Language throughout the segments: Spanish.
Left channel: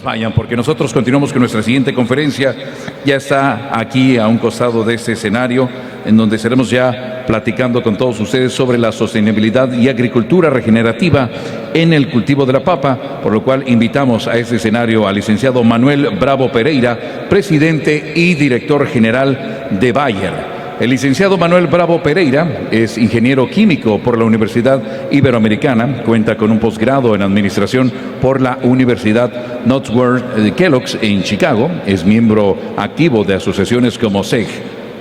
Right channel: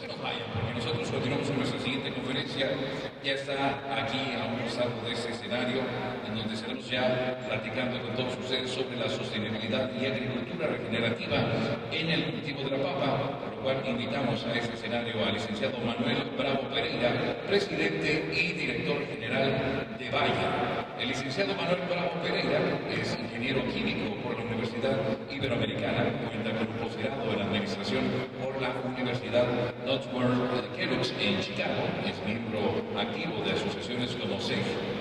nos vayan porque nosotros continuamos con nuestra siguiente conferencia. Ya está aquí a un costado de este escenario en donde estaremos ya platicando con todos ustedes sobre la sostenibilidad y agricultura regenerativa en el cultivo de la papa, por lo cual invitamos a este escenario al licenciado Manuel Bravo Pereira, presidente y director general de Bayer. El licenciado Manuel Bravo Pereira es ingeniero químico por la Universidad Iberoamericana, cuenta con un posgrado en administración por la Universidad Northwestern Kellogg's en Chicago, es miembro activo de asociaciones como SEG,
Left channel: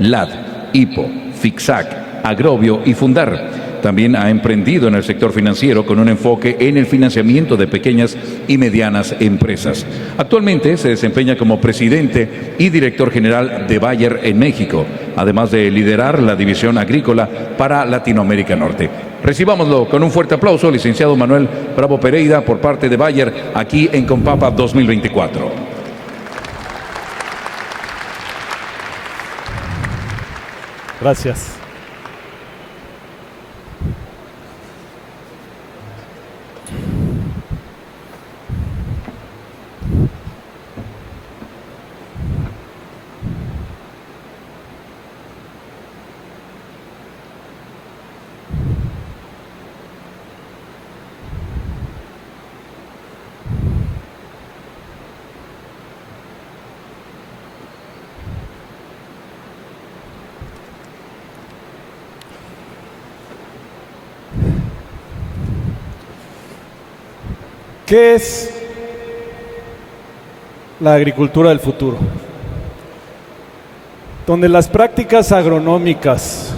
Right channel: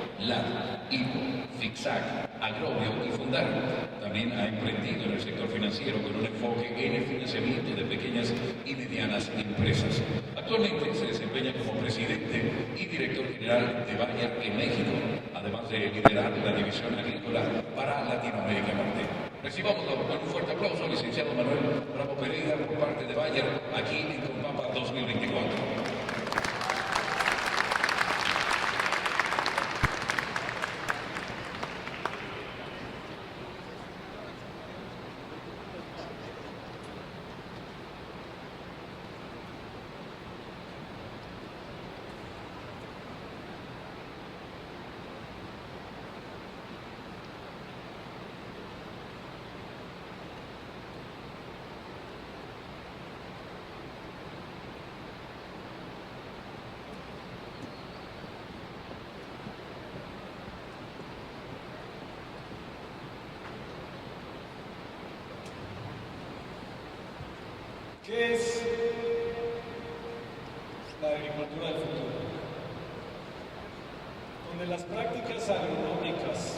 LAD, IPO, FICSAC, Agrobio y Fundar. También ha emprendido en el sector financiero con un enfoque en el financiamiento de pequeñas y medianas empresas. Actualmente se desempeña como presidente y director general de Bayer en México, además de liderar la división agrícola para Latinoamérica Norte. Recibámoslo con un fuerte aplauso, licenciado Manuel Bravo Pereira, por parte de Bayer, aquí en Compapa 2024. Gracias. ¿Qué es la agricultura del futuro? Donde las prácticas agronómicas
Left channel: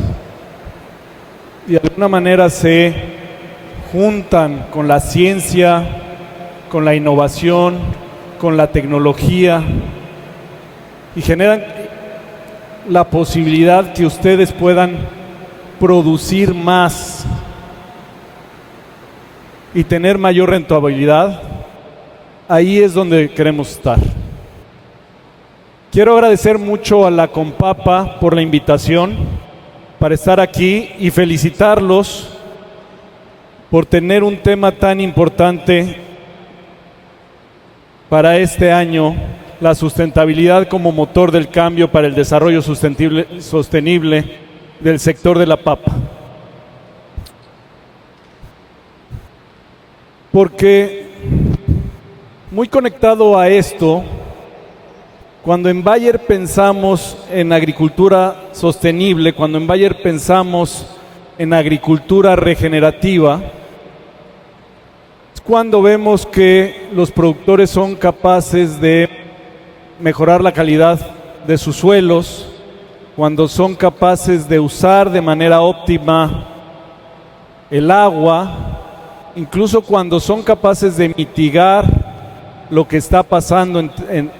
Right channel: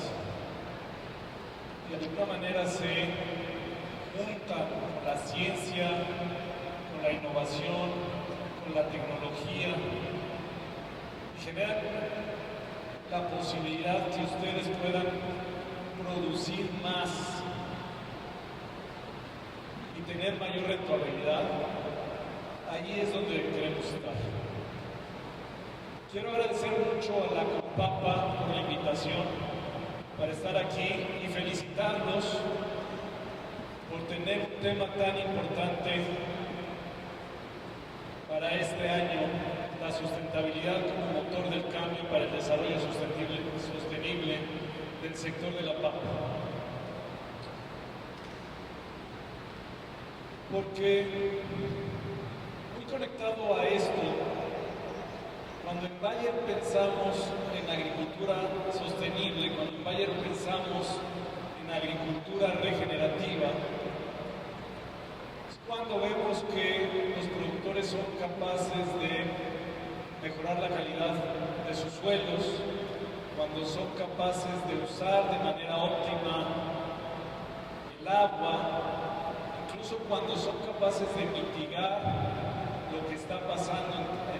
de alguna manera se juntan con la ciencia, con la innovación, con la tecnología y generan la posibilidad que ustedes puedan producir más y tener mayor rentabilidad. Ahí es donde queremos estar. Quiero agradecer mucho a la Compapa por la invitación para estar aquí y felicitarlos por tener un tema tan importante para este año, la sustentabilidad como motor del cambio para el desarrollo sostenible del sector de la papa. Porque muy conectado a esto, cuando en Bayer pensamos en agricultura sostenible, cuando en Bayer pensamos en agricultura regenerativa, es cuando vemos que los productores son capaces de mejorar la calidad de sus suelos, cuando son capaces de usar de manera óptima el agua, incluso cuando son capaces de mitigar lo que está pasando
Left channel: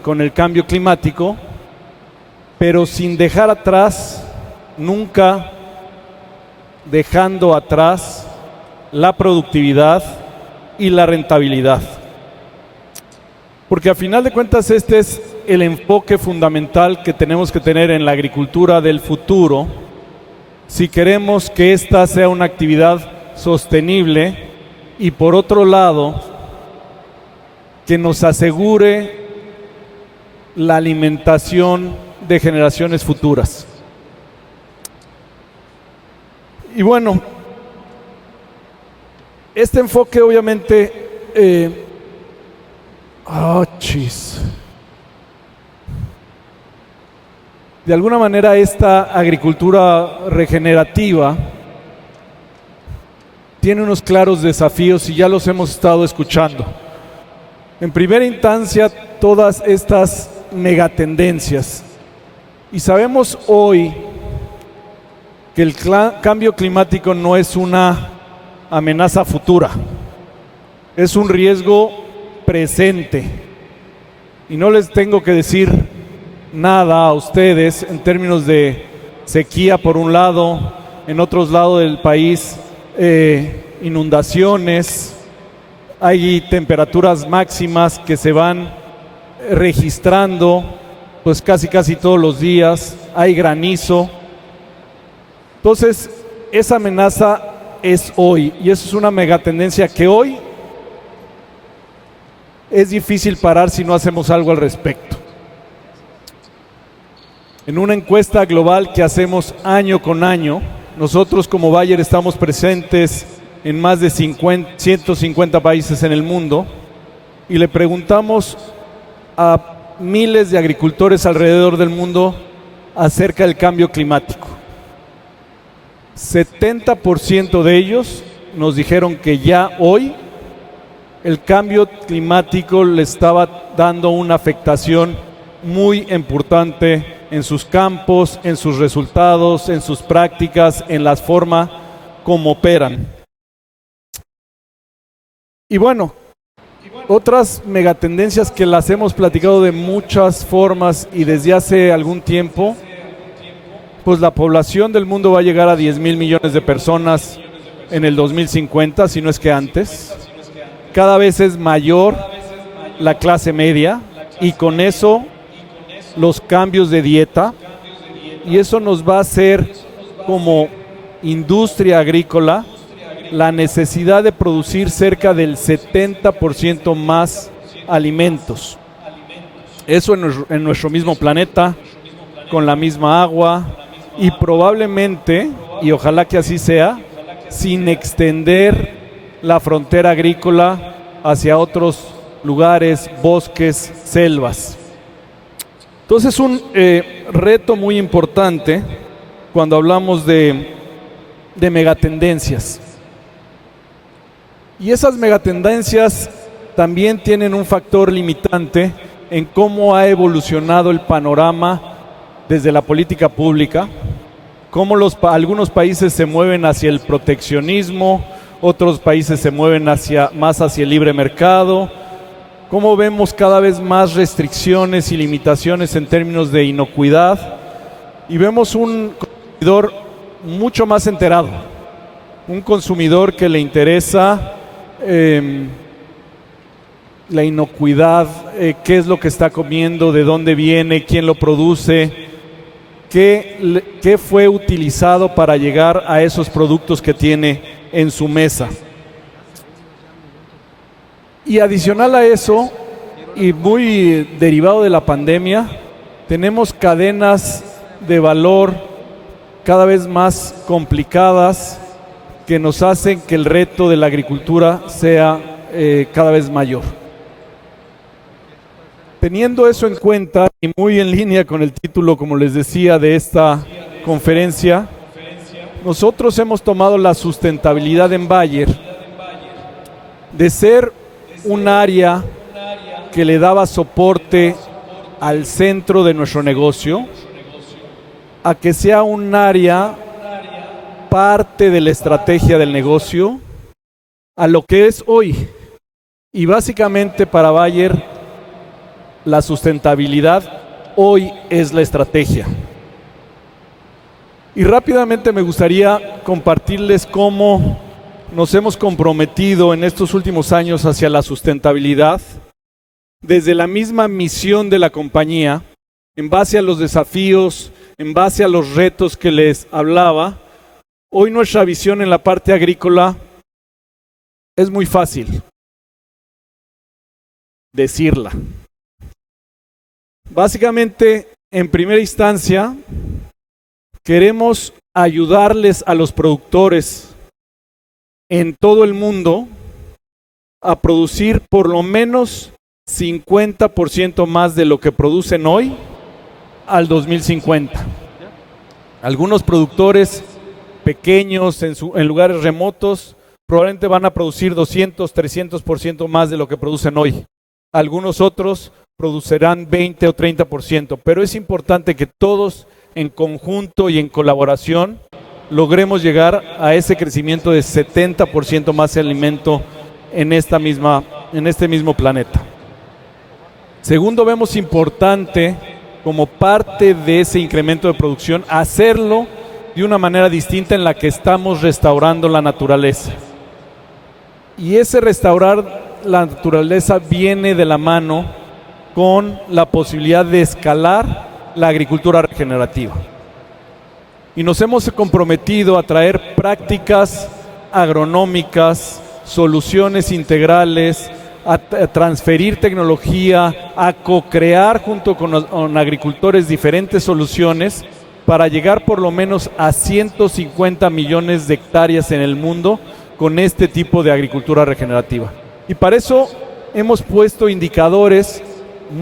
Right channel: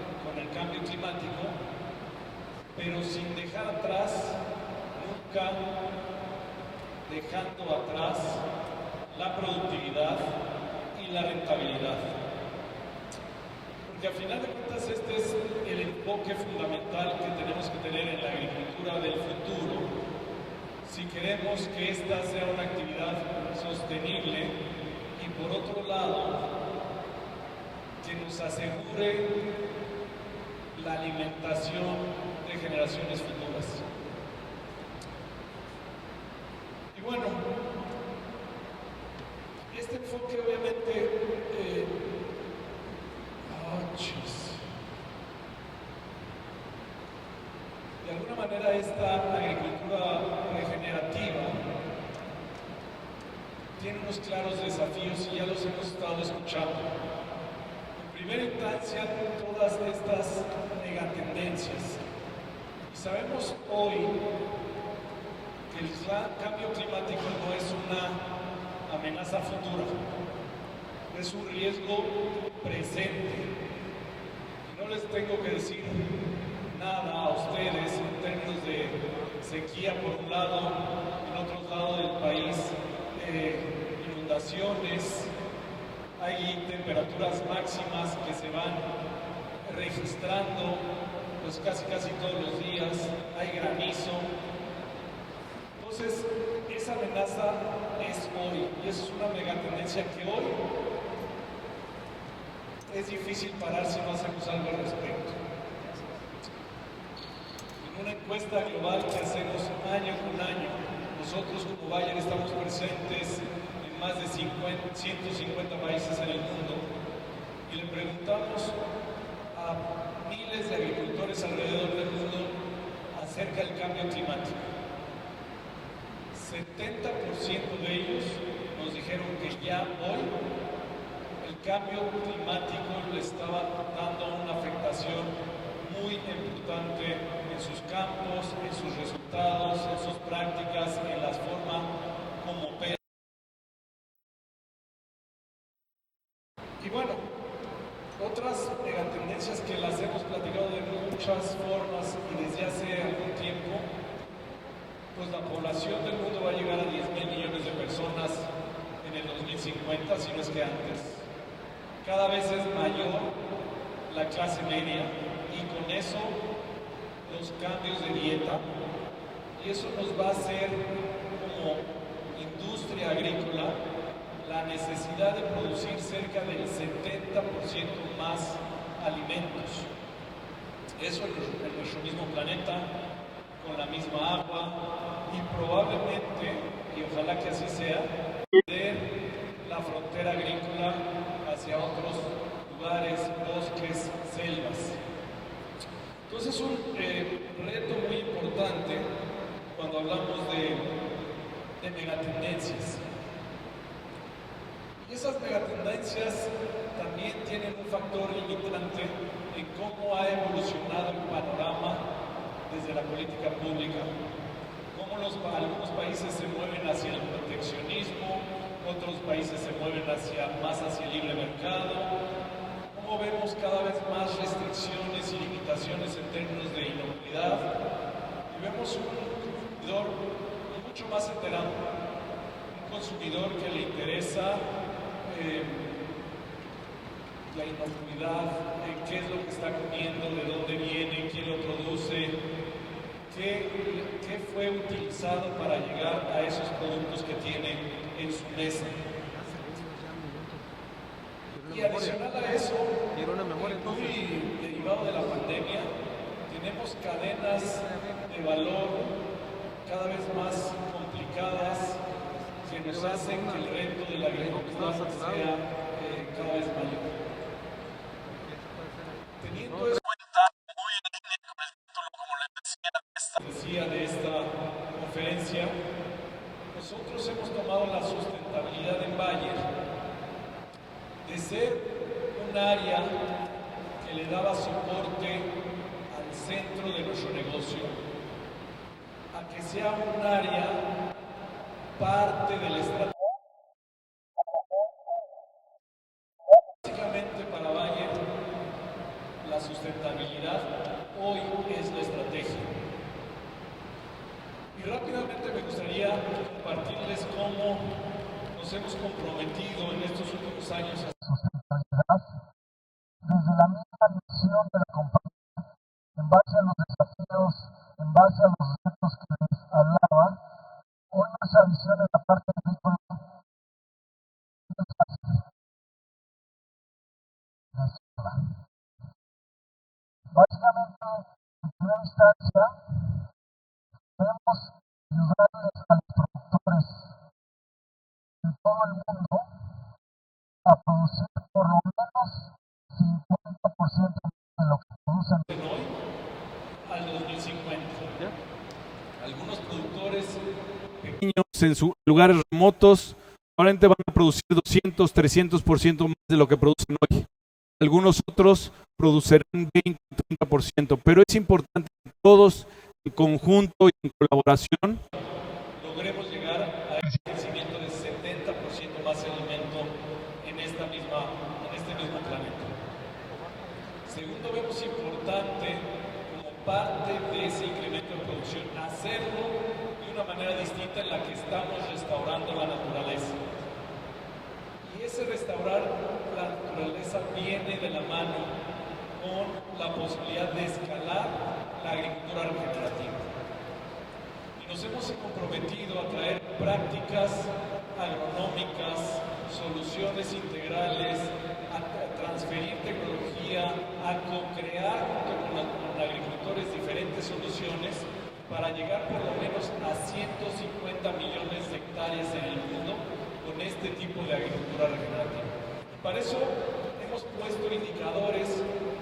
con el cambio climático, pero sin dejar atrás, nunca dejando atrás la productividad y la rentabilidad. Porque a final de cuentas este es el enfoque fundamental que tenemos que tener en la agricultura del futuro, si queremos que esta sea una actividad sostenible y por otro lado, que nos asegure la alimentación de generaciones futuras. Y bueno, este enfoque obviamente, de alguna manera esta agricultura regenerativa tiene unos claros desafíos y ya los hemos estado escuchando. En primera instancia, todas estas megatendencias. Y sabemos hoy que el cambio climático no es una amenaza futura, es un riesgo presente. Y no les tengo que decir nada a ustedes en términos de sequía por un lado, en otros lados del país, inundaciones, hay temperaturas máximas que se van registrando pues casi todos los días, hay granizo. Entonces, esa amenaza es hoy y eso es una megatendencia que hoy es difícil parar si no hacemos algo al respecto. En una encuesta global que hacemos año con año, nosotros como Bayer estamos presentes en más de 150 países en el mundo y le preguntamos a miles de agricultores alrededor del mundo acerca del cambio climático. 70% de ellos nos dijeron que ya hoy el cambio climático le estaba dando una afectación muy importante en sus campos, en sus resultados, en sus prácticas, en la forma como operan. Y bueno, otras megatendencias que las hemos platicado de muchas formas y desde hace algún tiempo, pues la población del mundo va a llegar a 10,000 millones de personas en el 2050, si no es que antes. Cada vez es mayor la clase media y con eso los cambios de dieta, y eso nos va a hacer como industria agrícola la necesidad de producir cerca del 70% más alimentos. Eso en nuestro mismo planeta, con la misma agua y probablemente, y ojalá que así sea, sin extender la frontera agrícola hacia otros lugares, bosques, selvas. Entonces un reto muy importante cuando hablamos de megatendencias. Y esas megatendencias también tienen un factor limitante en cómo ha evolucionado el panorama desde la política pública, cómo algunos países se mueven hacia el proteccionismo, otros países se mueven más hacia el libre mercado, cómo vemos cada vez más restricciones y limitaciones en términos de inocuidad, y vemos un consumidor mucho más enterado, un consumidor que le interesa la inocuidad, qué es lo que está comiendo, de dónde viene, quién lo produce, qué fue utilizado para llegar a esos productos que tiene en su mesa. Y adicional a eso, y muy derivado de la pandemia, tenemos cadenas de valor cada vez más complicadas que nos hacen que el reto de la agricultura sea cada vez mayor. Teniendo eso en cuenta y muy en línea con el título, como les decía, de esta conferencia, nosotros hemos tomado la sustentabilidad en Bayer de ser un área que le daba soporte al centro de nuestro negocio, a que sea un área parte de la estrategia del negocio, a lo que es hoy. Y básicamente para Bayer, la sustentabilidad hoy es la estrategia. Y rápidamente me gustaría compartirles cómo nos hemos comprometido en estos últimos años hacia la sustentabilidad, desde la misma misión de la compañía, en base a los desafíos, en base a los retos que les hablaba. Hoy nuestra visión en la parte agrícola es muy fácil decirla. Básicamente, en primera instancia, queremos ayudarles a los productores en todo el mundo a producir por lo menos 50% más de lo que producen hoy al 2050. Algunos productores pequeños en lugares remotos probablemente van a producir 200, 300% más de lo que producen hoy. Algunos otros producirán 20 o 30%, pero es importante que todos en conjunto y en colaboración logremos llegar a ese crecimiento de 70% más de alimento en este mismo planeta. Segundo, vemos importante como parte de ese incremento de producción hacerlo de una manera distinta en la que estamos restaurando la naturaleza. Y ese restaurar la naturaleza viene de la mano con la posibilidad de escalar la agricultura regenerativa. Y nos hemos comprometido a traer prácticas agronómicas, soluciones integrales, a transferir tecnología, a co-crear junto con agricultores diferentes soluciones para llegar por lo menos a 150 millones de hectáreas en el mundo con este tipo de agricultura regenerativa. Y para eso hemos puesto indicadores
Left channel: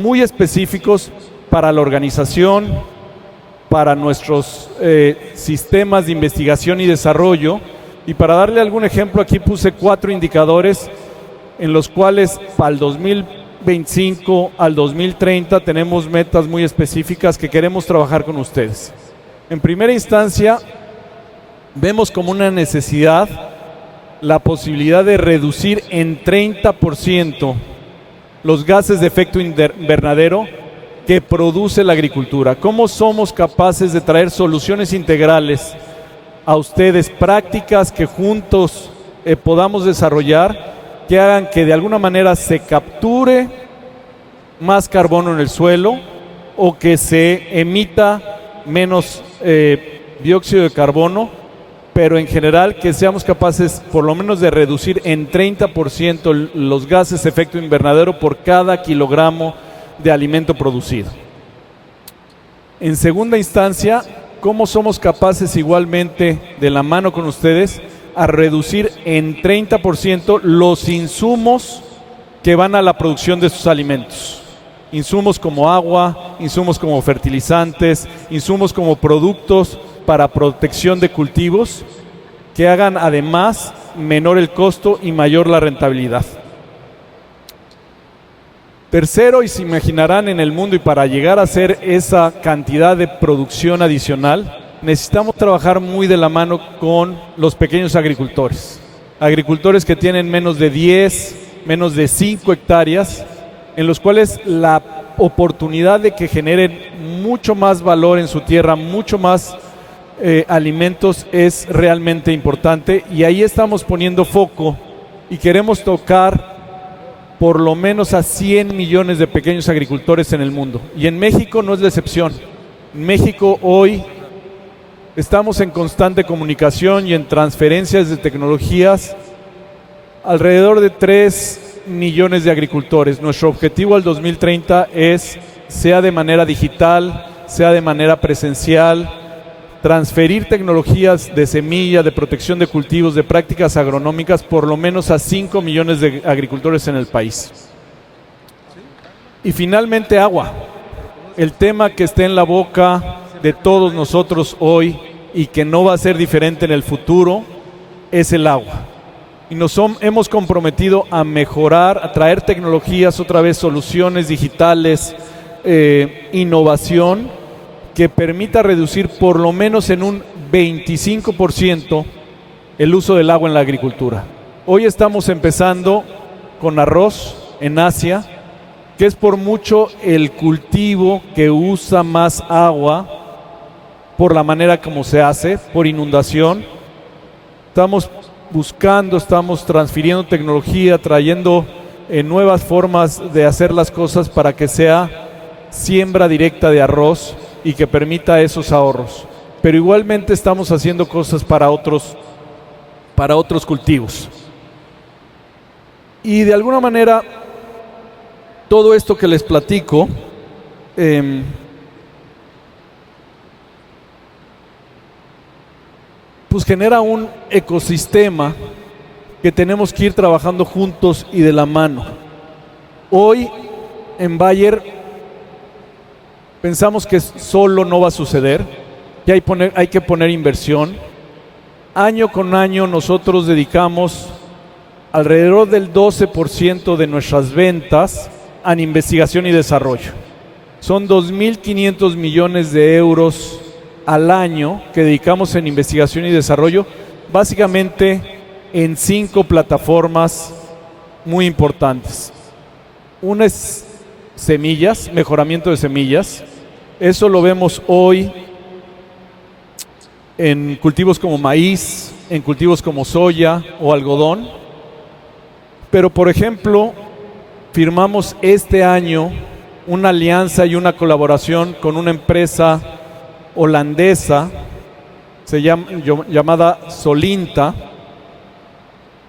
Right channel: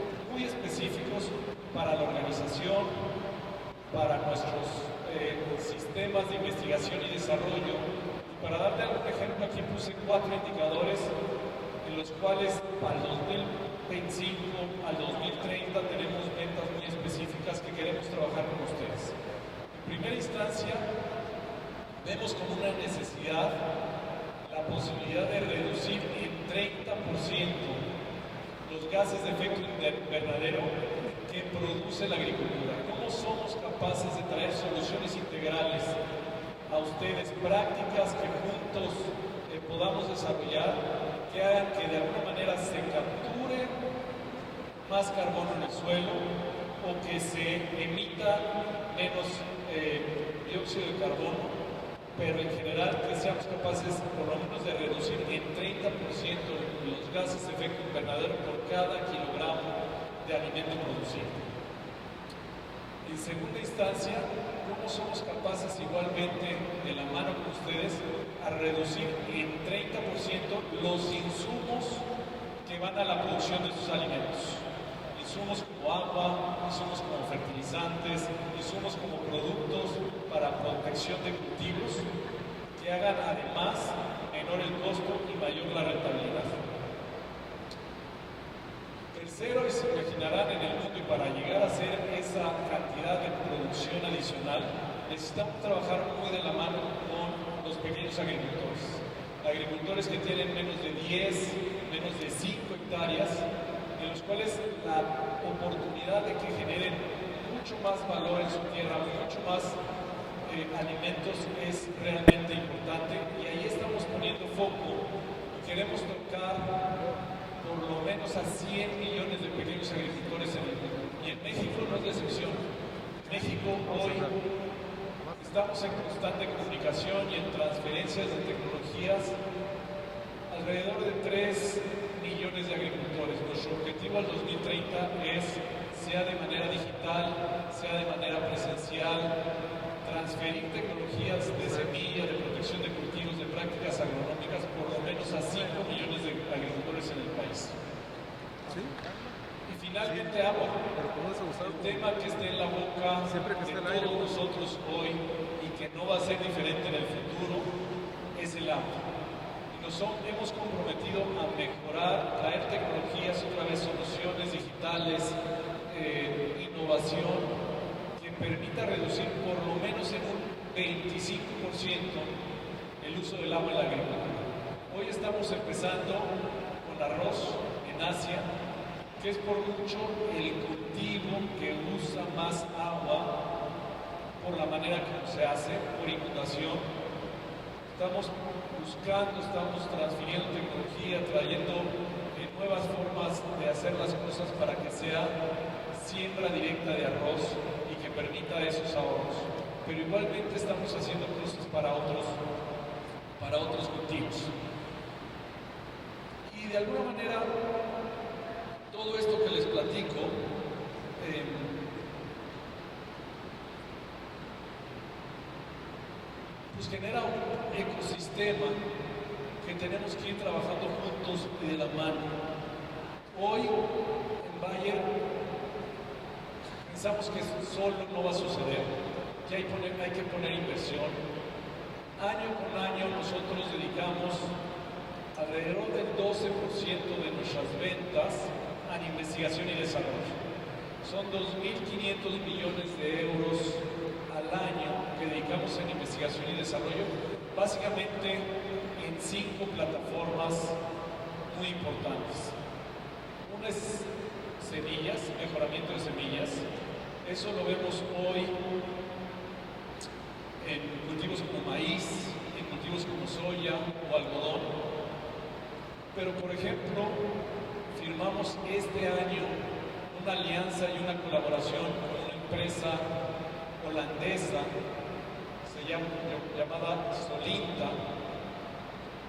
muy específicos para la organización, para nuestros sistemas de investigación y desarrollo. Y para darle algún ejemplo, aquí puse 4 indicadores en los cuales para el 2025 al 2030 tenemos metas muy específicas que queremos trabajar con ustedes. En primera instancia, vemos como una necesidad la posibilidad de reducir en 30% los gases de efecto invernadero que produce la agricultura. ¿Cómo somos capaces de traer soluciones integrales a ustedes, prácticas que juntos podamos desarrollar, que hagan que de alguna manera se capture más carbono en el suelo o que se emita menos dióxido de carbono, pero en general que seamos capaces por lo menos de reducir en 30% los gases de efecto invernadero por cada kilogramo de alimento producido? En segunda instancia, ¿cómo somos capaces igualmente, de la mano con ustedes, a reducir en 30% los insumos que van a la producción de sus alimentos? Insumos como agua, insumos como fertilizantes, insumos como productos para protección de cultivos, que hagan además menor el costo y mayor la rentabilidad. Tercero, y se imaginarán en el mundo, y para llegar a hacer esa cantidad de producción adicional, necesitamos trabajar muy de la mano con los pequeños agricultores. Agricultores que tienen menos de 10, menos de 5 hectáreas, en los cuales la oportunidad de que generen mucho más valor en su tierra, mucho más alimentos es realmente importante, y ahí estamos poniendo foco y queremos tocar por lo menos a 100 millones de pequeños agricultores en el mundo. Y en México no es la excepción. En México hoy estamos en constante comunicación y en transferencias de tecnologías alrededor de 3 millones de agricultores. Nuestro objetivo al 2030 es, sea de manera digital, sea de manera presencial, transferir tecnologías de semilla, de protección de cultivos, de prácticas agronómicas, por lo menos a 5 millones de agricultores en el país. Y finalmente, agua. El tema que está en la boca de todos nosotros hoy y que no va a ser diferente en el futuro es el agua. Y hemos comprometido a mejorar, a traer tecnologías, otra vez soluciones digitales, innovación, que permita reducir por lo menos en un 25% el uso del agua en la agricultura. Hoy estamos empezando con arroz en Asia, que es por mucho el cultivo que usa más agua por la manera como se hace, por inundación. Estamos buscando, estamos transfiriendo tecnología, trayendo nuevas formas de hacer las cosas para que sea siembra directa de arroz y que permita esos ahorros. Pero igualmente estamos haciendo cosas para otros cultivos. Y de alguna manera, todo esto que les platico, pues genera un ecosistema que tenemos que ir trabajando juntos y de la mano. Hoy en Bayer pensamos que solo no va a suceder, que hay que poner inversión. Año con año nosotros dedicamos alrededor del 12% de nuestras ventas a investigación y desarrollo. Son 2.500 millones de euros al año que dedicamos en investigación y desarrollo, básicamente en 5 plataformas muy importantes. Una es semillas, mejoramiento de semillas. Eso lo vemos hoy en cultivos como maíz, en cultivos como soya o algodón. Pero, por ejemplo, firmamos este año una alianza y una colaboración con una empresa holandesa llamada Solinta,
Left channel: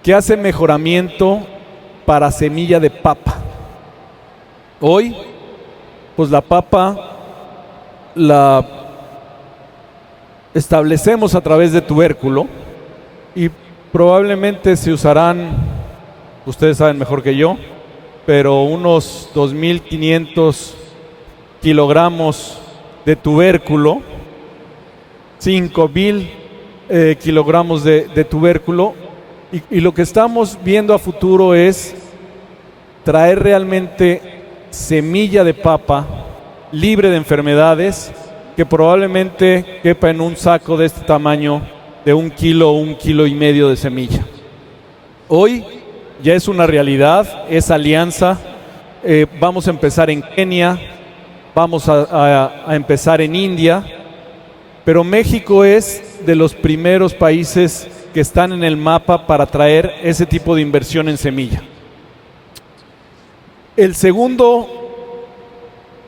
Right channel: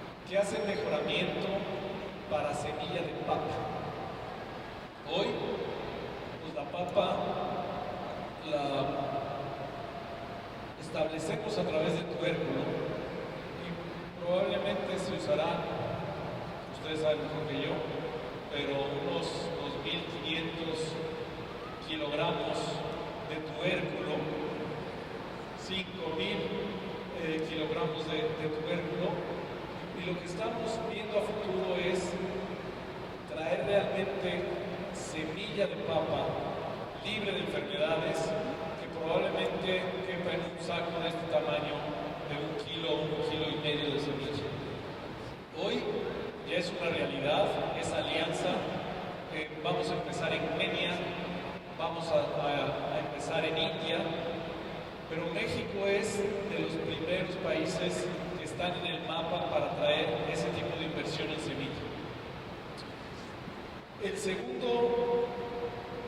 que hace mejoramiento para semilla de papa. Hoy, pues la papa la establecemos a través de tubérculo y probablemente se usarán, ustedes saben mejor que yo, pero unos 2.500 kilogramos de tubérculo, 5.000 kilogramos de tubérculo, y lo que estamos viendo a futuro es traer realmente semilla de papa libre de enfermedades que probablemente quepa en un saco de este tamaño de 1 kilo o 1,5 kilos de semilla. Hoy ya es una realidad, esa alianza. Vamos a empezar en Kenia, vamos a empezar en India, pero México es de los primeros países que están en el mapa para traer ese tipo de inversión en semilla.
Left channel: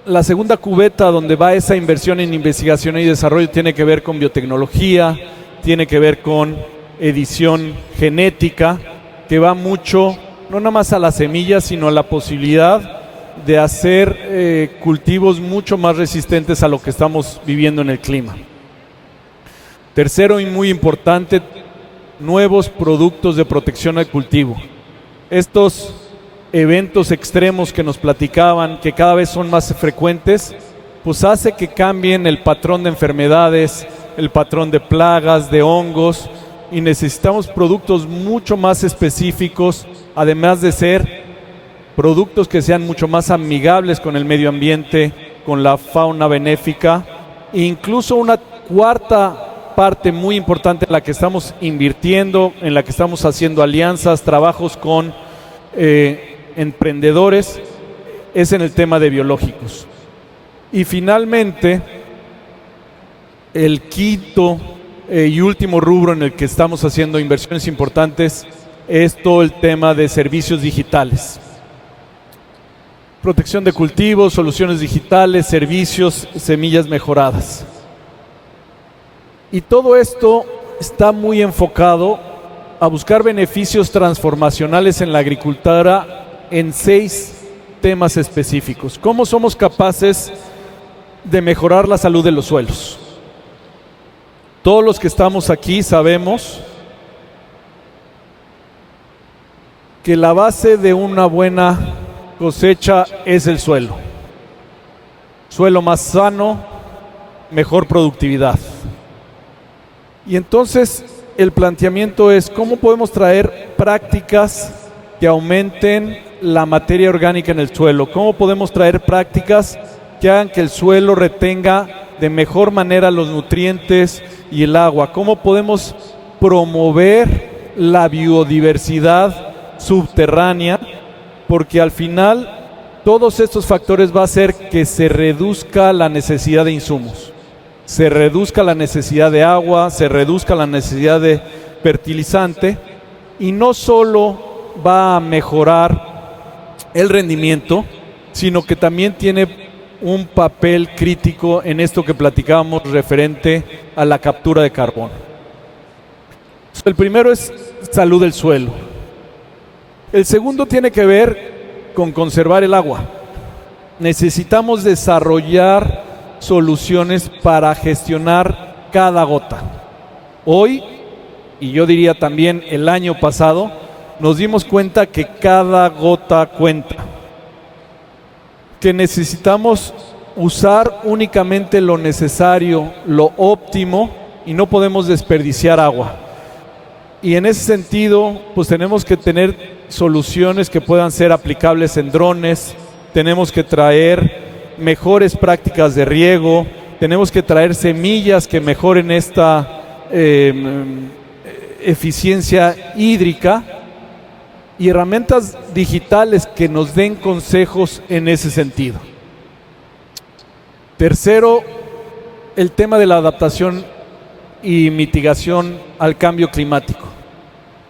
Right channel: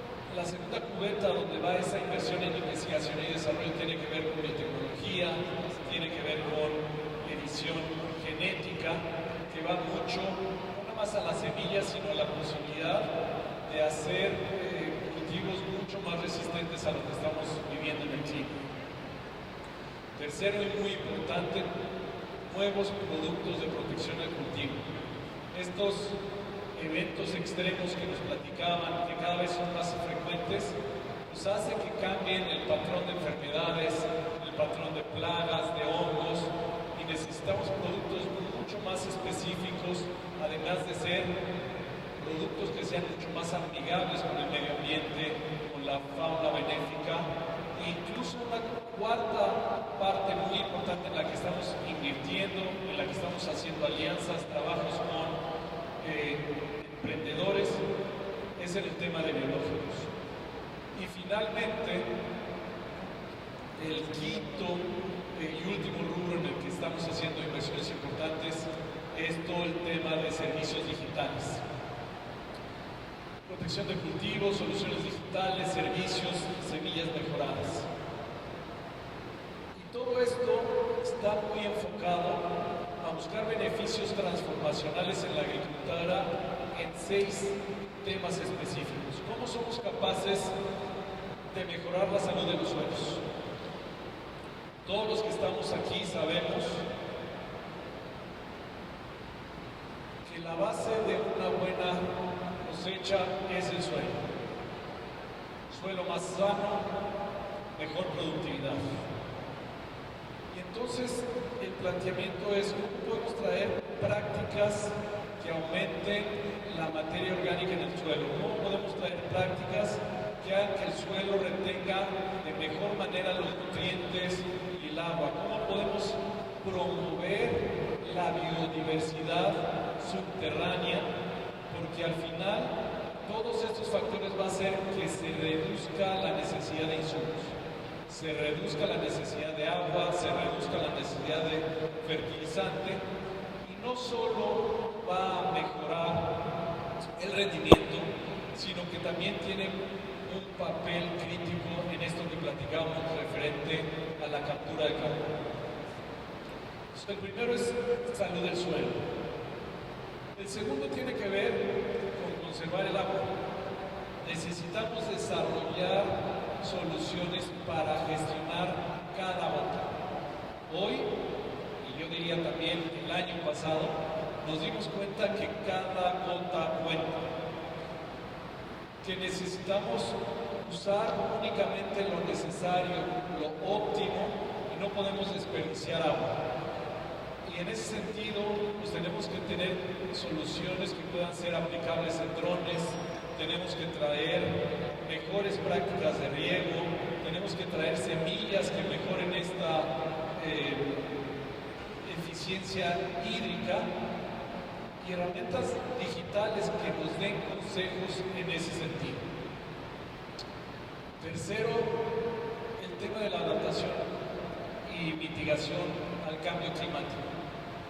La segunda cubeta donde va esa inversión en investigación y desarrollo tiene que ver con biotecnología, tiene que ver con edición genética, que va mucho, no nada más a las semillas, sino a la posibilidad de hacer cultivos mucho más resistentes a lo que estamos viviendo en el clima. Tercero y muy importante, nuevos productos de protección al cultivo. Estos eventos extremos que nos platicaban, que cada vez son más frecuentes, pues hace que cambien el patrón de enfermedades, el patrón de plagas, de hongos, y necesitamos productos mucho más específicos, además de ser productos que sean mucho más amigables con el medio ambiente, con la fauna benéfica, e incluso una cuarta parte muy importante en la que estamos invirtiendo, en la que estamos haciendo alianzas, trabajos con emprendedores, es en el tema de biológicos. Y finalmente, el quinto y último rubro en el que estamos haciendo inversiones importantes es todo el tema de servicios digitales. Protección de cultivos, soluciones digitales, servicios, semillas mejoradas. Y todo esto está muy enfocado a buscar beneficios transformacionales en la agricultura en 6 temas específicos. ¿Cómo somos capaces de mejorar la salud de los suelos? Todos los que estamos aquí sabemos que la base de una buena cosecha es el suelo. Suelo más sano, mejor productividad. Y entonces el planteamiento es cómo podemos traer prácticas que aumenten la materia orgánica en el suelo, cómo podemos traer prácticas que hagan que el suelo retenga de mejor manera los nutrientes y el agua, cómo podemos promover la biodiversidad subterránea, porque al final todos estos factores va a hacer que se reduzca la necesidad de insumos, se reduzca la necesidad de agua, se reduzca la necesidad de fertilizante, y no solo va a mejorar el rendimiento, sino que también tiene un papel crítico en esto que platicábamos referente a la captura de carbono. El primero es salud del suelo. El segundo tiene que ver con conservar el agua. Necesitamos desarrollar soluciones para gestionar cada gota. Hoy, y yo diría también el año pasado, nos dimos cuenta que cada gota cuenta, que necesitamos usar únicamente lo necesario, lo óptimo, y no podemos desperdiciar agua. Y en ese sentido, pues tenemos que tener soluciones que puedan ser aplicables en drones, tenemos que traer mejores prácticas de riego, tenemos que traer semillas que mejoren esta eficiencia hídrica, y herramientas digitales que nos den consejos en ese sentido. Tercero, el tema de la adaptación y mitigación al cambio climático.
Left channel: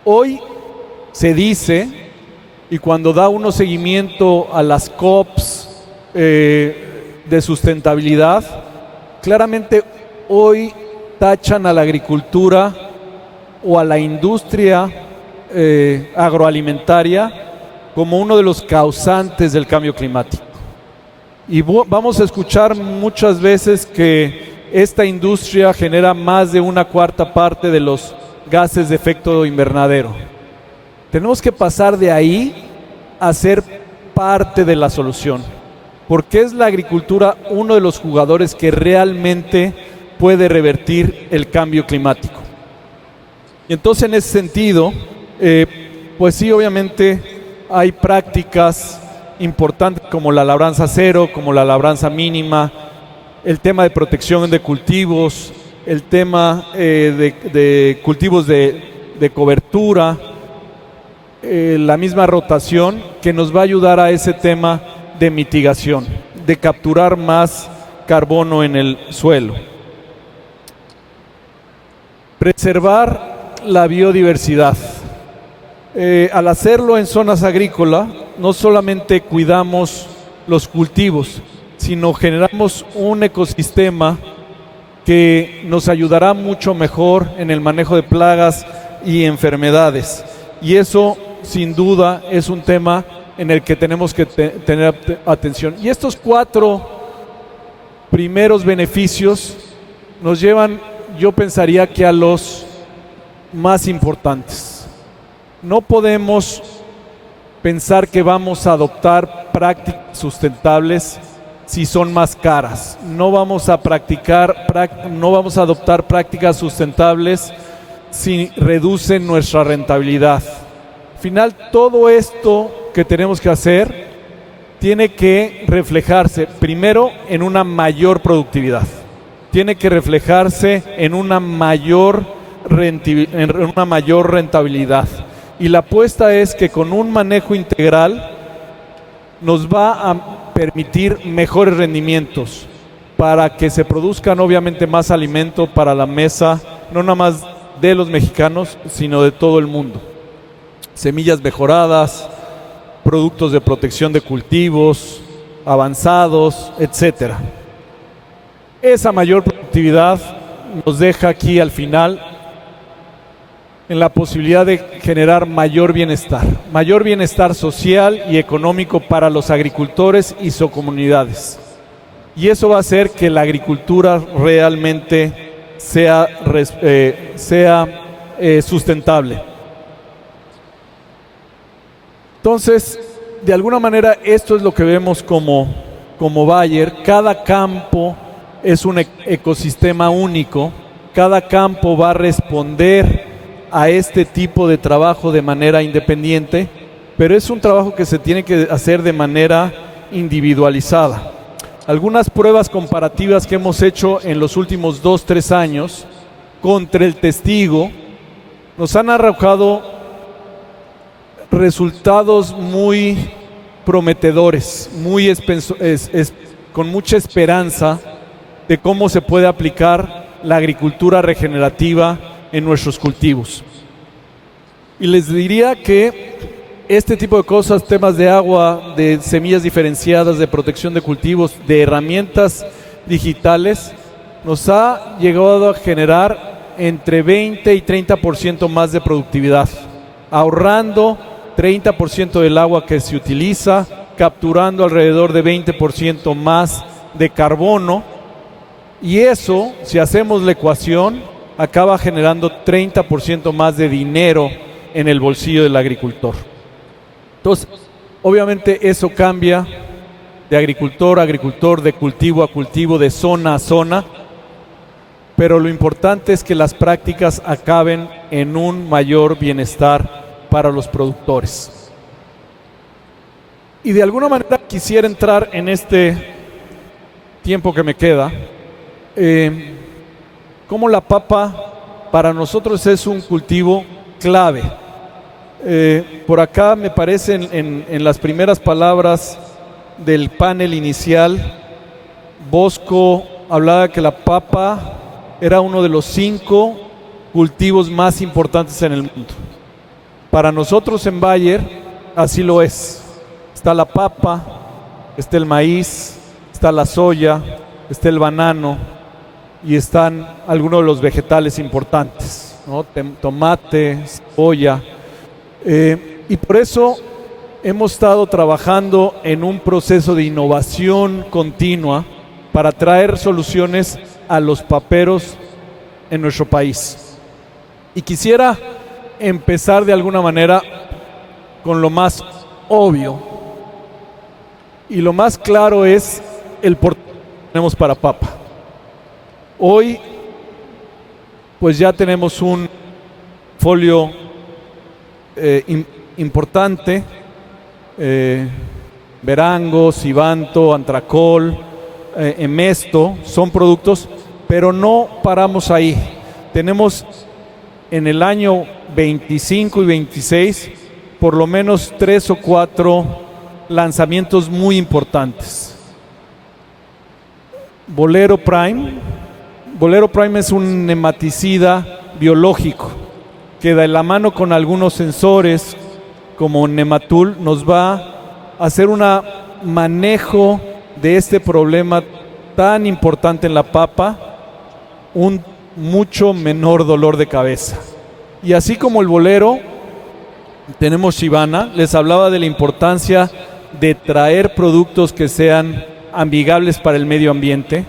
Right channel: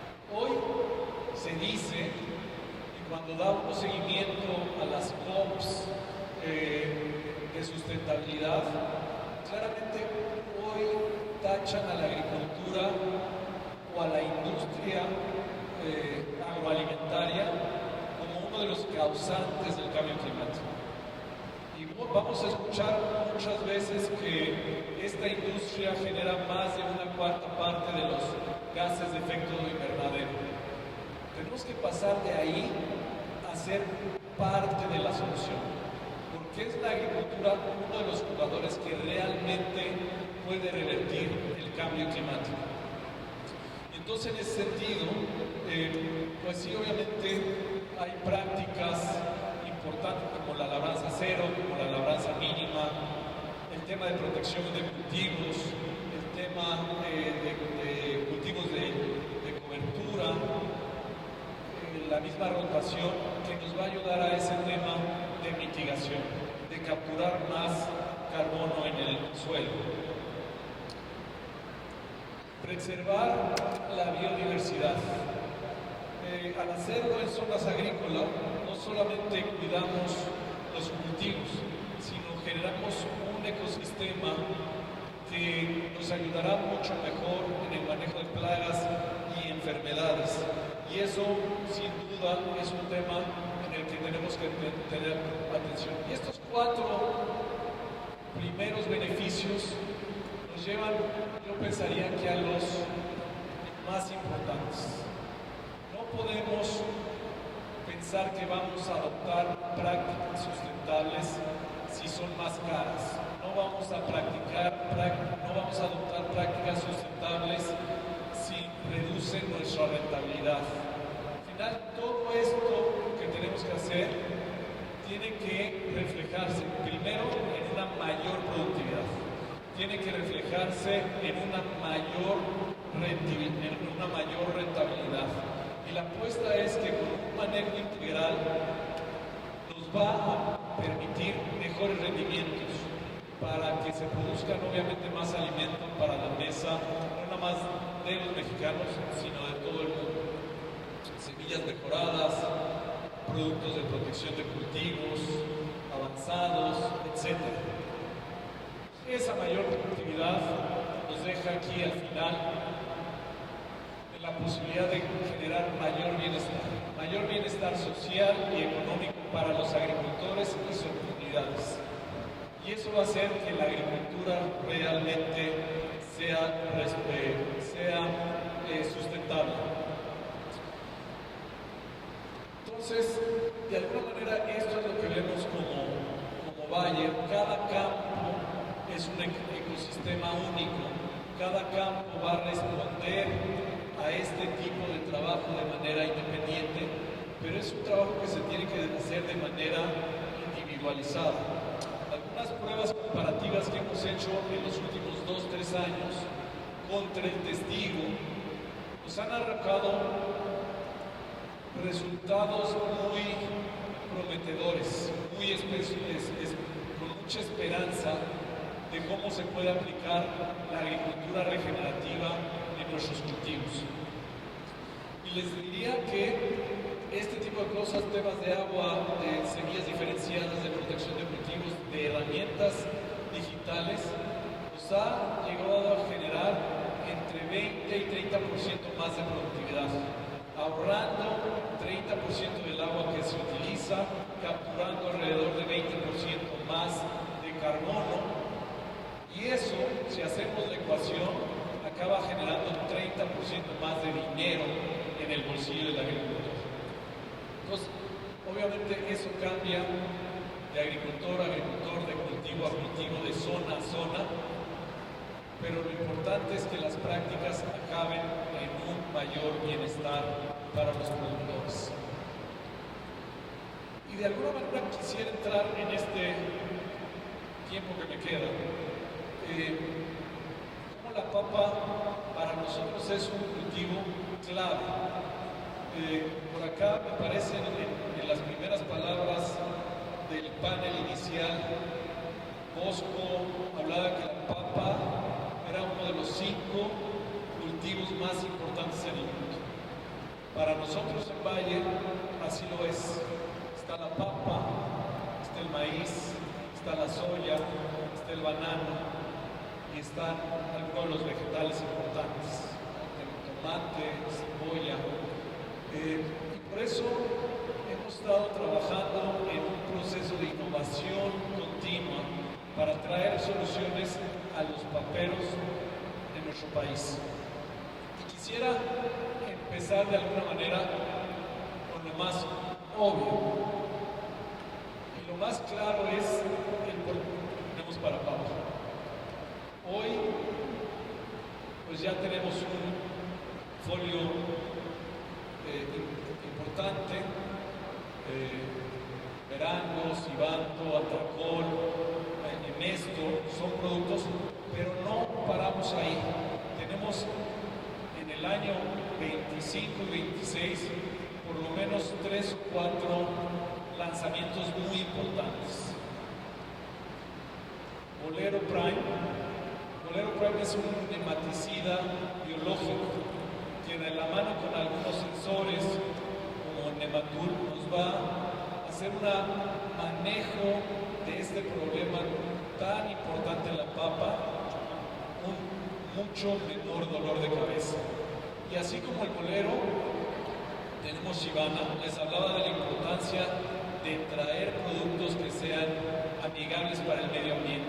Hoy se dice, y cuando da uno seguimiento a las COPs de sustentabilidad, claramente hoy tachan a la agricultura o a la industria agroalimentaria como uno de los causantes del cambio climático. Y vamos a escuchar muchas veces que esta industria genera más de 1/4 parte de los gases de efecto invernadero. Tenemos que pasar de ahí a ser parte de la solución, porque es la agricultura uno de los jugadores que realmente puede revertir el cambio climático. Y entonces, en ese sentido, pues sí, obviamente hay prácticas importantes como la labranza cero, como la labranza mínima, el tema de protección de cultivos, el tema de cultivos de cobertura, la misma rotación que nos va a ayudar a ese tema de mitigación, de capturar más carbono en el suelo. Preservar la biodiversidad. Al hacerlo en zonas agrícolas, no solamente cuidamos los cultivos, sino generamos un ecosistema que nos ayudará mucho mejor en el manejo de plagas y enfermedades. Y eso, sin duda, es un tema en el que tenemos que tener atención. Y estos 4 primeros beneficios nos llevan, yo pensaría, que a los más importantes. No podemos pensar que vamos a adoptar prácticas sustentables si son más caras. No vamos a adoptar prácticas sustentables si reducen nuestra rentabilidad. Al final, todo esto que tenemos que hacer tiene que reflejarse primero en una mayor productividad, tiene que reflejarse en una mayor rentabilidad. Y la apuesta es que con un manejo integral nos va a permitir mejores rendimientos para que se produzcan obviamente más alimento para la mesa, no nada más de los mexicanos, sino de todo el mundo. Semillas mejoradas, productos de protección de cultivos, avanzados, etcétera. Esa mayor productividad nos deja aquí al final en la posibilidad de generar mayor bienestar social y económico para los agricultores y sus comunidades. Y eso va a hacer que la agricultura realmente sea sustentable. Entonces, de alguna manera, esto es lo que vemos como Bayer. Cada campo es un ecosistema único. Cada campo va a responder a este tipo de trabajo de manera independiente, pero es un trabajo que se tiene que hacer de manera individualizada. Algunas pruebas comparativas que hemos hecho en los últimos 2-3 años contra el testigo nos han arrojado resultados muy prometedores, con mucha esperanza de cómo se puede aplicar la agricultura regenerativa en nuestros cultivos. Y les diría que este tipo de cosas, temas de agua, de semillas diferenciadas, de protección de cultivos, de herramientas digitales, nos ha llegado a generar entre 20 y 30% más de productividad, ahorrando 30% del agua que se utiliza, capturando alrededor de 20% más de carbono. Y eso, si hacemos la ecuación, acaba generando 30% más de dinero en el bolsillo del agricultor. Entonces, obviamente eso cambia de agricultor a agricultor, de cultivo a cultivo, de zona a zona, pero lo importante es que las prácticas acaben en un mayor bienestar para los productores. Y de alguna manera quisiera entrar en este tiempo que me queda, como la papa para nosotros es un cultivo clave. Por acá me parece en las primeras palabras del panel inicial, Bosco hablaba que la papa era uno de los 5 cultivos más importantes en el mundo. Para nosotros en Bayer así lo es. Está la papa, está el maíz, está la soya, está el banano y están algunos de los vegetales importantes, ¿no? Tomate, cebolla. Y por eso hemos estado trabajando en un proceso de innovación continua para traer soluciones a los paperos en nuestro país. Y quisiera empezar de alguna manera con lo más obvio. Y lo más claro es el portafolio que tenemos para papa. Hoy, pues ya tenemos un folio importante, Verango, Sivanto, Antracol, Emesto, son productos, pero no paramos ahí. Tenemos en el año 25 y 26 por lo menos 3 o 4 lanzamientos muy importantes. Bolero Prime. Bolero Prime es un nematicida biológico que de la mano con algunos sensores como Nematul nos va a hacer un manejo de este problema tan importante en la papa, un mucho menor dolor de cabeza. Y así como el bolero, tenemos Shivana. Les hablaba de la importancia de traer productos que sean amigables para el medio ambiente,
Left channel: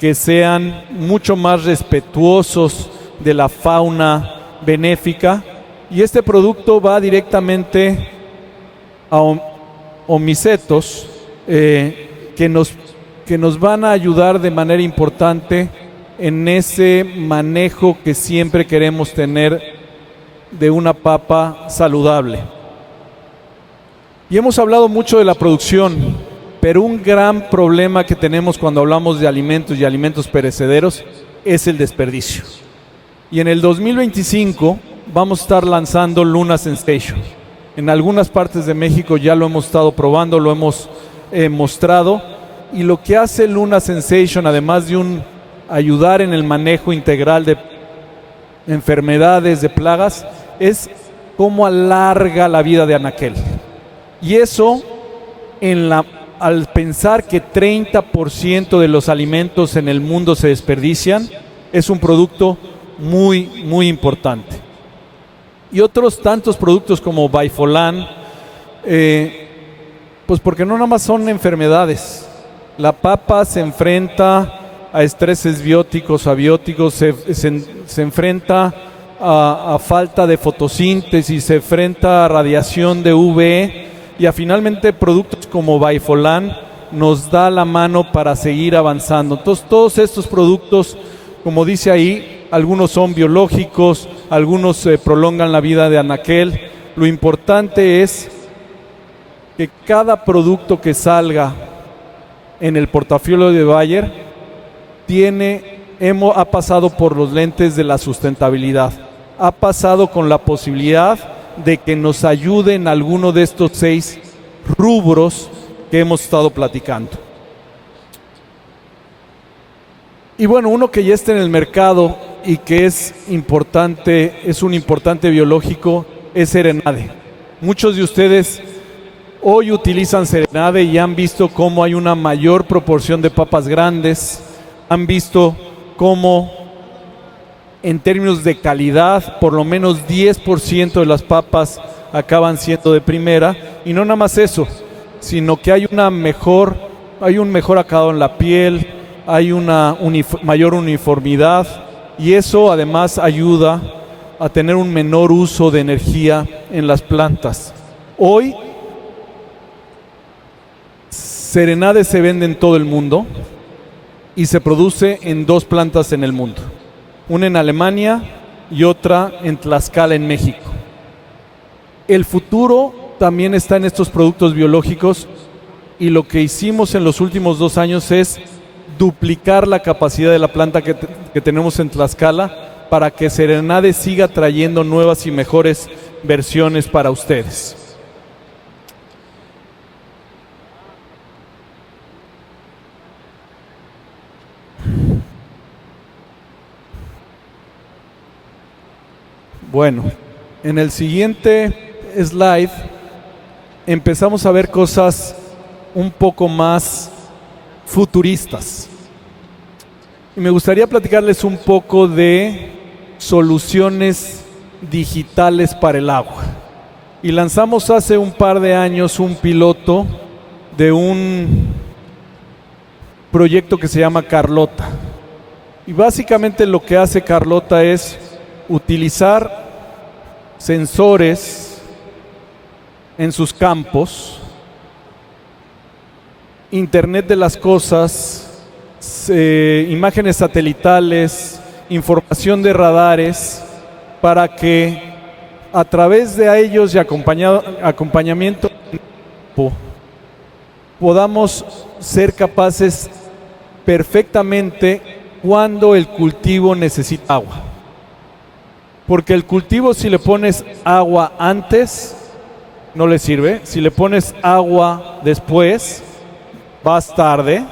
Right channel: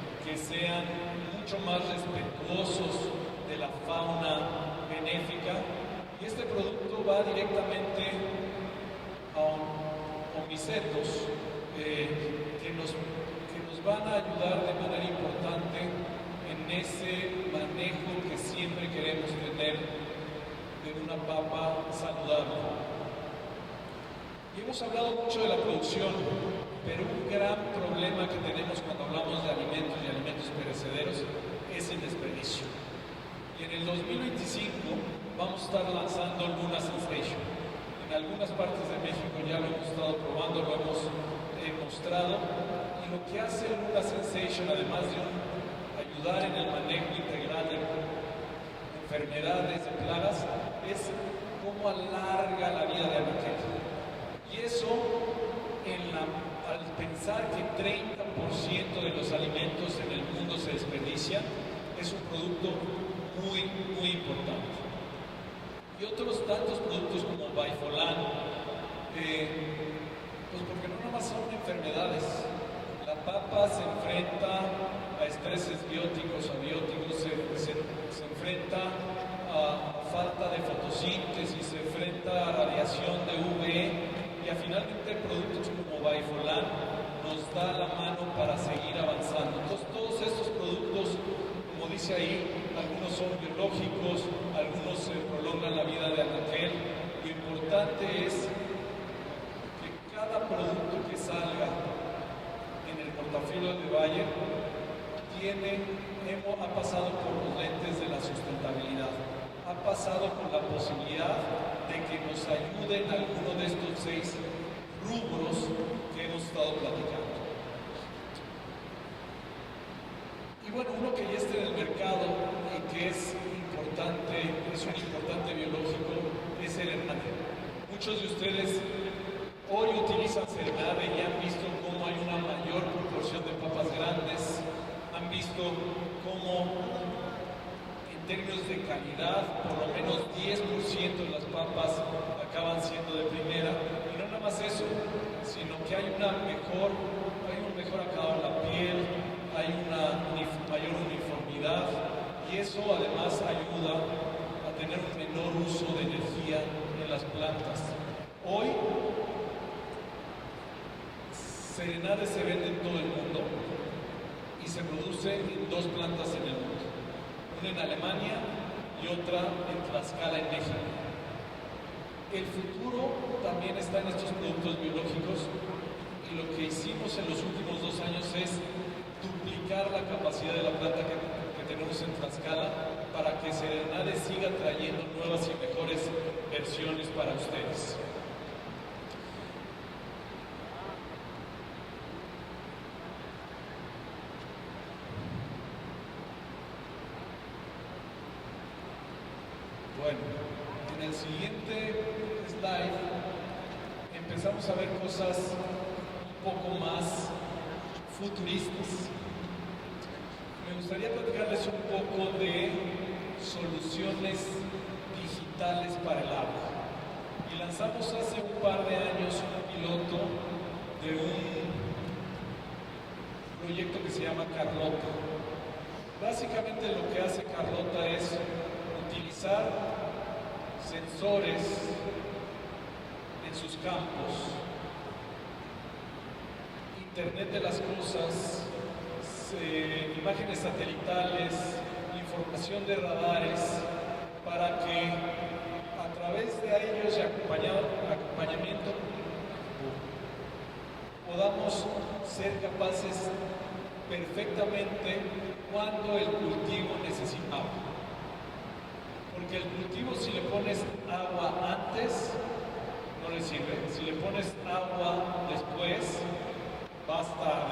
que sean mucho más respetuosos de la fauna benéfica, y este producto va directamente a omicetos que nos van a ayudar de manera importante en ese manejo que siempre queremos tener de una papa saludable. Y hemos hablado mucho de la producción, pero un gran problema que tenemos cuando hablamos de alimentos y alimentos perecederos es el desperdicio. Y en el 2025 vamos a estar lanzando Luna Sensation. En algunas partes de México ya lo hemos estado probando, lo hemos mostrado. Y lo que hace Luna Sensation, además de ayudar en el manejo integral de enfermedades, de plagas, es cómo alarga la vida de anaquel. Y eso, al pensar que 30% de los alimentos en el mundo se desperdician, es un producto muy, muy importante. Y otros tantos productos como Baifolan, pues porque no nada más son enfermedades. La papa se enfrenta a estreses bióticos, abióticos, se enfrenta a falta de fotosíntesis, se enfrenta a radiación de UV, y finalmente productos como Baifolan nos da la mano para seguir avanzando. Entonces todos estos productos, como dice ahí, algunos son biológicos, algunos prolongan la vida de anaquel. Lo importante es que cada producto que salga en el portafolio de Bayer ha pasado por los lentes de la sustentabilidad, ha pasado con la posibilidad de que nos ayude en alguno de estos 6 rubros que hemos estado platicando. Y bueno, uno que ya está en el mercado y que es importante, es un importante biológico, es Serenade. Muchos de ustedes hoy utilizan Serenade y han visto cómo hay una mayor proporción de papas grandes, han visto cómo en términos de calidad, por lo menos 10% de las papas acaban siendo de primera, y no nada más eso, sino que hay un mejor acabado en la piel, hay una mayor uniformidad, y eso además ayuda a tener un menor uso de energía en las plantas. Hoy, Serenade se vende en todo el mundo y se produce en 2 plantas en el mundo. Una en Alemania y otra en Tlaxcala, en México. El futuro también está en estos productos biológicos, y lo que hicimos en los últimos 2 años es duplicar la capacidad de la planta que tenemos en Tlaxcala para que Serenade siga trayendo nuevas y mejores versiones para ustedes. Bueno, en el siguiente slide empezamos a ver cosas un poco más futuristas. Y me gustaría platicarles un poco de soluciones digitales para el agua. y lanzamos hace un par de años un piloto de un proyecto que se llama Carlota. Y básicamente lo que hace Carlota es utilizar sensores en sus campos, Internet de las cosas, imágenes satelitales, información de radares, para que a través de ellos y acompañamiento podamos ser capaces perfectamente cuando el cultivo necesita agua. Porque el cultivo, si le pones agua antes, no le sirve. Si le pones agua después, vas tarde.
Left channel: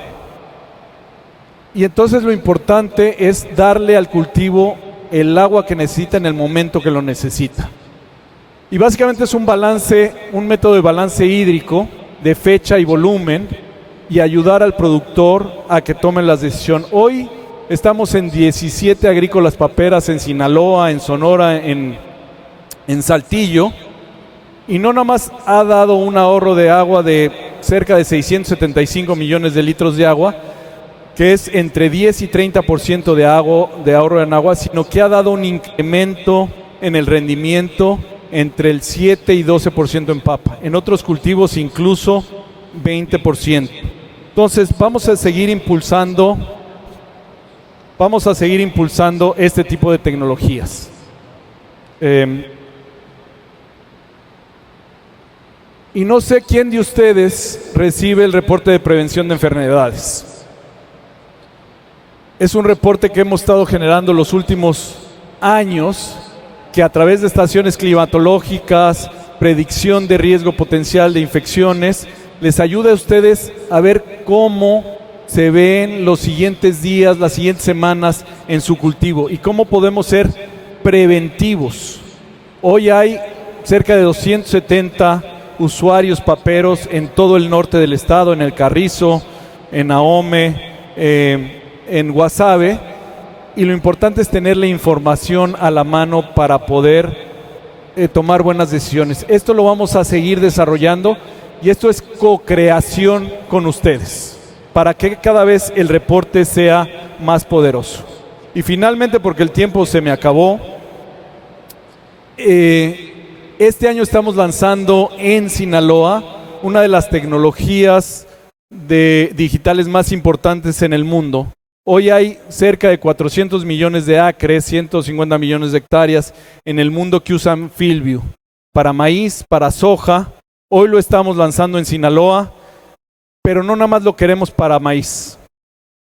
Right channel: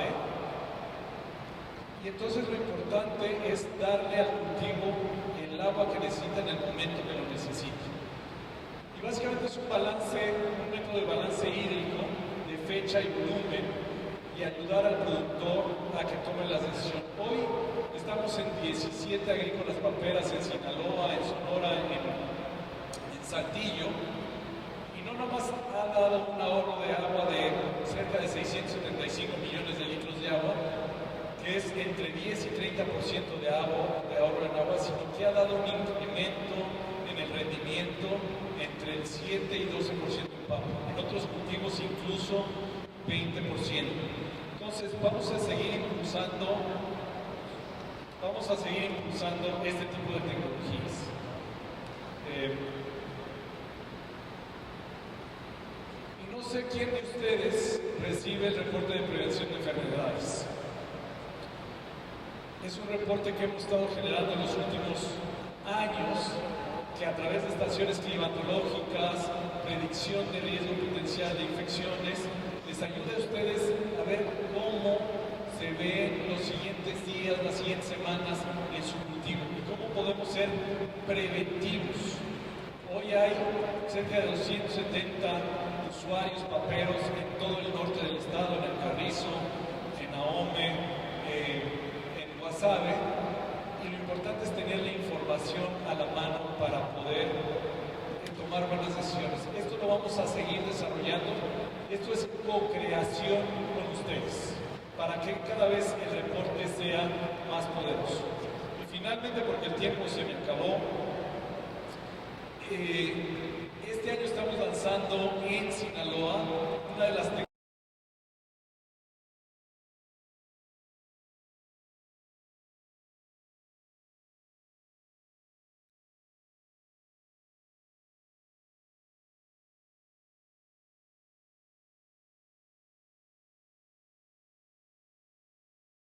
Y entonces lo importante es darle al cultivo el agua que necesita en el momento que lo necesita. Y básicamente es un método de balance hídrico de fecha y volumen, y ayudar al productor a que tome las decisiones. Hoy estamos en 17 agrícolas paperas en Sinaloa, en Sonora, en Saltillo, y no nada más ha dado un ahorro de agua de cerca de 675 millones de litros de agua, que es entre 10 y 30% de ahorro en agua, sino que ha dado un incremento en el rendimiento entre el 7 y 12% en papa. En otros cultivos incluso 20%. Entonces vamos a seguir impulsando este tipo de tecnologías. Y no sé quién de ustedes recibe el reporte de prevención de enfermedades. Es un reporte que hemos estado generando los últimos años, que a través de estaciones climatológicas, predicción de riesgo potencial de infecciones, les ayuda a ustedes a ver cómo se ven los siguientes días, las siguientes semanas en su cultivo y cómo podemos ser preventivos. Hoy hay cerca de 270 usuarios paperos en todo el norte del estado, en El Carrizo, en Ahome, en Guasave, y lo importante es tener la información a la mano para poder tomar buenas decisiones. Esto lo vamos a seguir desarrollando, y esto es co-creación con ustedes, para que cada vez el reporte sea más poderoso. Y finalmente, porque el tiempo se me acabó, este año estamos lanzando en Sinaloa una de las tecnologías digitales más importantes en el mundo. Hoy hay cerca de 400 millones de acres, 150 millones de hectáreas en el mundo que usan FieldView para maíz, para soja. Hoy lo estamos lanzando en Sinaloa, pero no nada más lo queremos para maíz.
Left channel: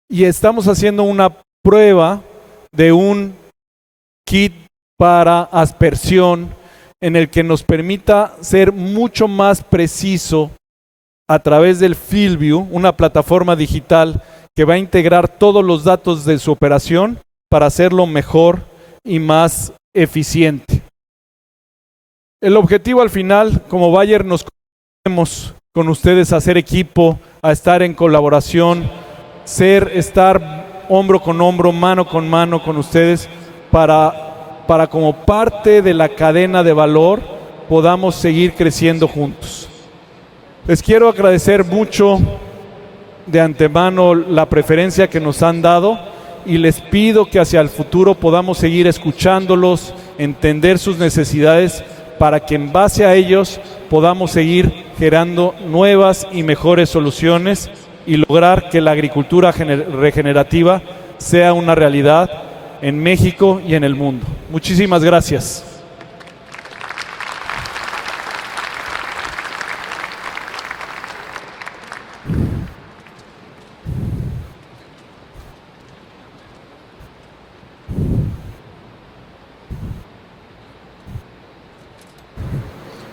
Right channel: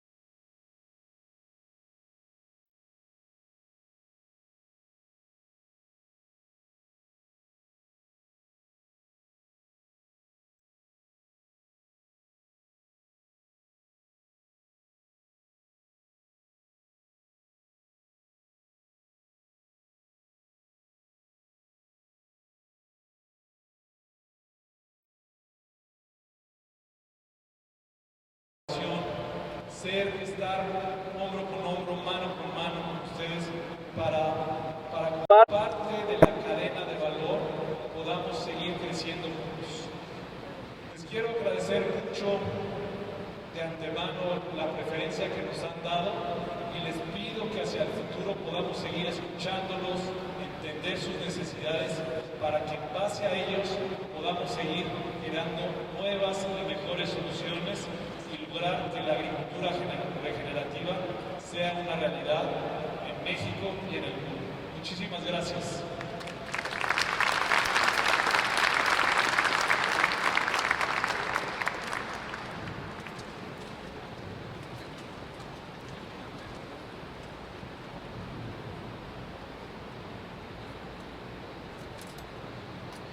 Y estamos haciendo una prueba de un kit para aspersión en el que nos permita ser mucho más preciso a través del FieldView, una plataforma digital que va a integrar todos los datos de su operación para hacerlo mejor y más eficiente. El objetivo al final, como Bayer, nos comprometemos con ustedes a hacer equipo, a estar en colaboración, estar hombro con hombro, mano con ustedes, para como parte de la cadena de valor podamos seguir creciendo juntos. Les quiero agradecer mucho de antemano la preferencia que nos han dado, y les pido que hacia el futuro podamos seguir escuchándolos, entender sus necesidades, para que en base a ellos podamos seguir generando nuevas y mejores soluciones y lograr que la agricultura regenerativa sea una realidad en México y en el mundo. Muchísimas gracias.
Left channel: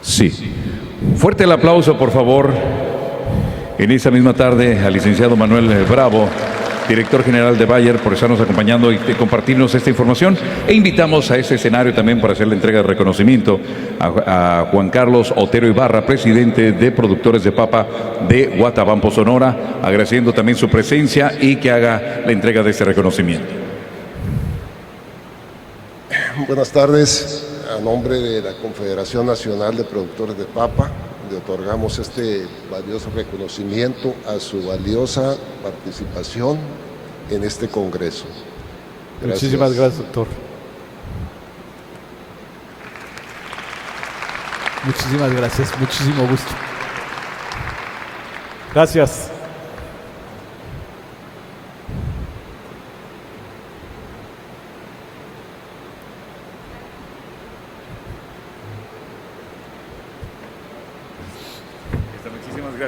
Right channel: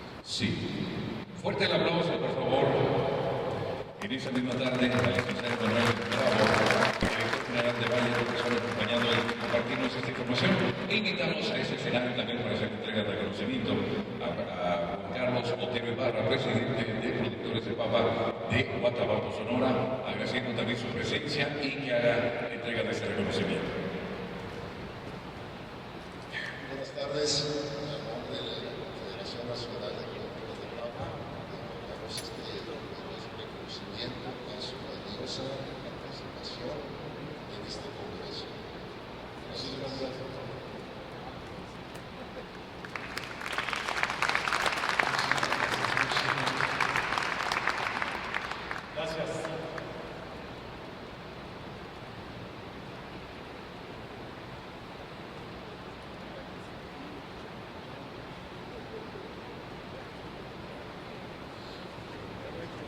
Sí. Fuerte el aplauso, por favor. En esa misma tarde, al licenciado Manuel Bravo, director general de Bayer, por estarnos acompañando y compartirnos esta información. E invitamos a ese escenario también para hacer la entrega de reconocimiento a Juan Carlos Otero Ibarra, presidente de Productores de Papa de Guatabampo, Sonora, agradeciendo también su presencia y que haga la entrega de este reconocimiento. Buenas tardes a nombre de la Confederación Nacional de Productores de Papa, le otorgamos este valioso reconocimiento a su valiosa participación en este Congreso. Gracias. Muchísimas gracias, doctor. Muchísimas gracias, muchísimo gusto. Gracias.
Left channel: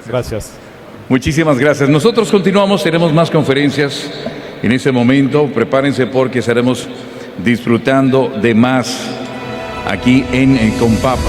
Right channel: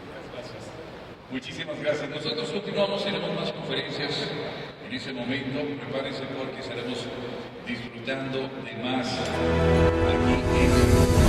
Gracias. Muchísimas gracias. Nosotros continuamos, tenemos más conferencias en ese momento. Prepárense porque estaremos disfrutando de más aquí en Compapa.